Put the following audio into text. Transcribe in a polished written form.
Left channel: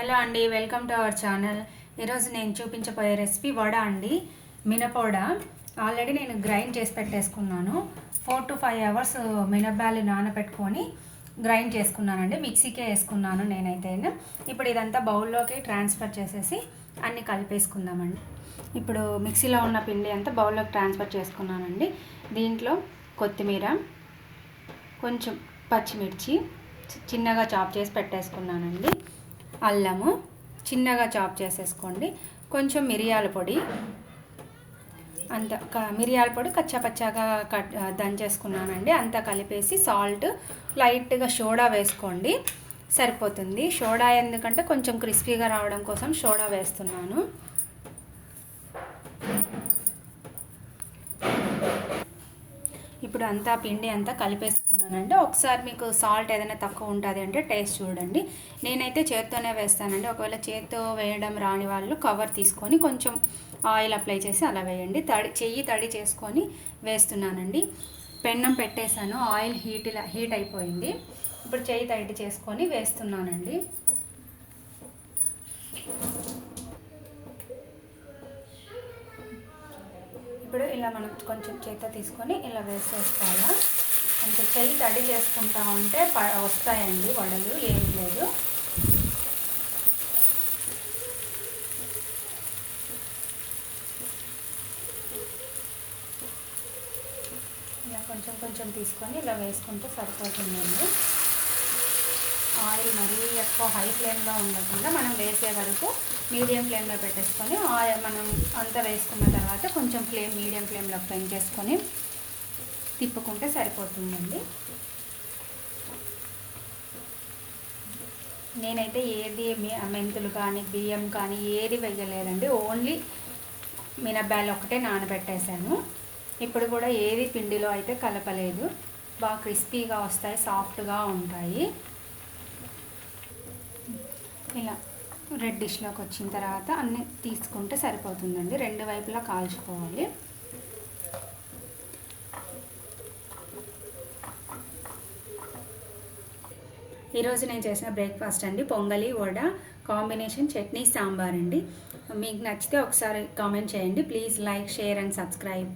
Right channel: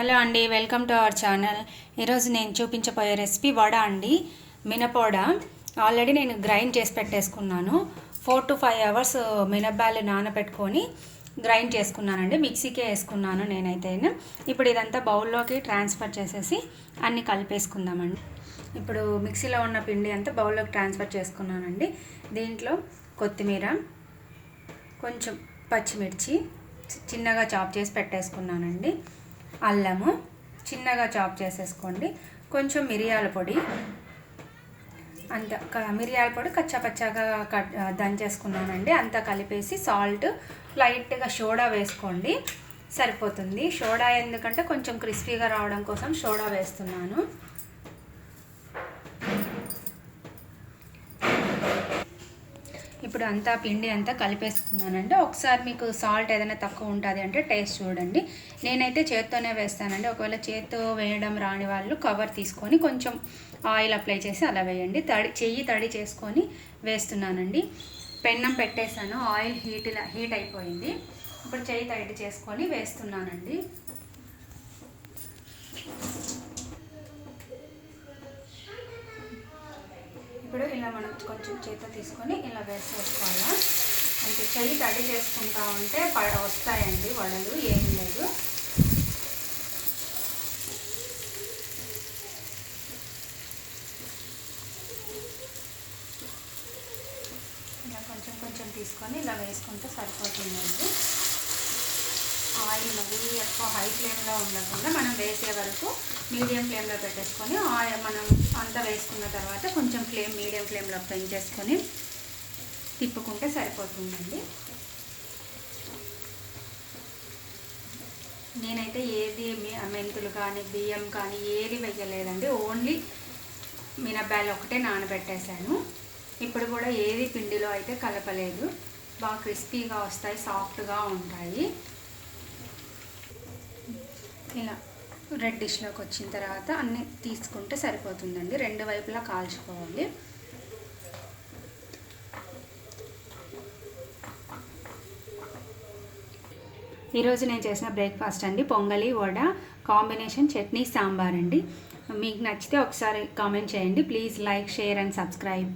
Hello అండి, welcome to our channel. ఈరోజు నేను చూపించబోయే రెసిపీ వడ అండి. మినపవడ ఆల్రెడీ నేను గ్రైండ్ చేసి పెట్టేసుకున్నాను. 4 to 5 అవర్స్ మినప్పాలు నానబెట్టుకొని గ్రైండ్ చేసుకున్నానండి. మిక్సీకే వేసుకున్నాను నేనైతే. ఇప్పుడు ఇదంతా బౌల్లోకి ట్రాన్స్ఫర్ చేసేసి అన్నీ కలిపేసుకుందామండి. ఇప్పుడు మిక్సీలో ఉన్న పిండి అంతా బౌల్లోకి ట్రాన్స్ఫర్ చేసుకున్నానండి. దీంట్లో కొత్తిమీర, కొంచెం పచ్చిమిర్చి చిన్నగా చాప్ చేసి పెట్టేసుకున్నానండి. అల్లము చిన్నగా చాప్ చేసేసుకోండి. కొంచెం మిరియాల పొడి, మిరియాల పొడి కచ్చాపచ్చాగా దంచేసుకున్నానండి. అంతా కలిపేసి సాల్ట్, లైట్గా సోడా వేసుకోండి, సరిపోతుంది. సోడా ఎందుకంటే కొంచెం క్రిస్పీగా రావడం కోసం సోడా వేస్తున్నాను. ఇప్పుడు అంతా పిండి అంతా కలిపేసుకున్నానండి. ఒకసారి మీకు సాల్ట్ ఏదైనా తక్కువ ఉంటుంది అంటే టేస్ట్ చూడండి. నేనైతే చేత్తోనే వేస్తానండి. ఒకవేళ చేత్తో వేయడం రాని వాళ్ళు కవర్ తీసుకొని కొంచెం ఆయిల్ అప్లై చేసి అలా వేయండి. చెయ్యి తడి చేసుకొని వేస్తున్నానండి. పెన్నం పెట్టేశాను, ఆయిల్ హీట్ అయిపోయింది. ఇప్పుడు చెయ్యి తడి చేసుకొని వేస్తున్నానండి. ఇప్పుడు ఇలా మనం కొంచెం చేత తీసుకొని ఇలా వేసేసుకోవాలి. అంటే చెయ్యి తడి చేసుకుంటా ఉంటే వస్తాయండి వడలు, ఏం లేదు. ఇలా కొంచెం కొంచెం తీసుకొని ఇలా వేసుకుంటూ సరిపోతుందండి. ఆయిల్ మరీ ఎక్కువ హై ఫ్లేమ్లో ఉండకుండా మనం వేసే వరకు మీడియం ఫ్లేమ్లో పెట్టేసుకొని మనం అంతా వేసుకున్న తర్వాత కొంచెం మీడియం ఫ్లేమ్లో పెంచేసుకొని తిప్పుకుంటే సరిపోతుందండి. నేనైతే ఏది మెంతులు కానీ బియ్యం కానీ ఏది వేయలేదండి. ఓన్లీ మినప్పాలు ఒకటే నానబెట్టేశాను. ఇప్పుడు కూడా ఏది పిండిలో అయితే కలపలేదు. బాగా క్రిస్పీగా వస్తాయి, సాఫ్ట్గా ఉంటాయి. ఇలా రెడ్ డిష్లోకి వచ్చిన తర్వాత అన్నీ తీసుకుంటే సరిపోతుందండి. రెండు వైపులా కాల్చుకోవాలి. ఈరోజు నేను చేసిన బ్రేక్ఫాస్ట్ అండి పొంగలి, వడ కాంబినేషన్ చట్నీ, సాంబార్ అండి. మీకు నచ్చితే ఒకసారి కామెంట్ చేయండి. Please like, share and subscribe.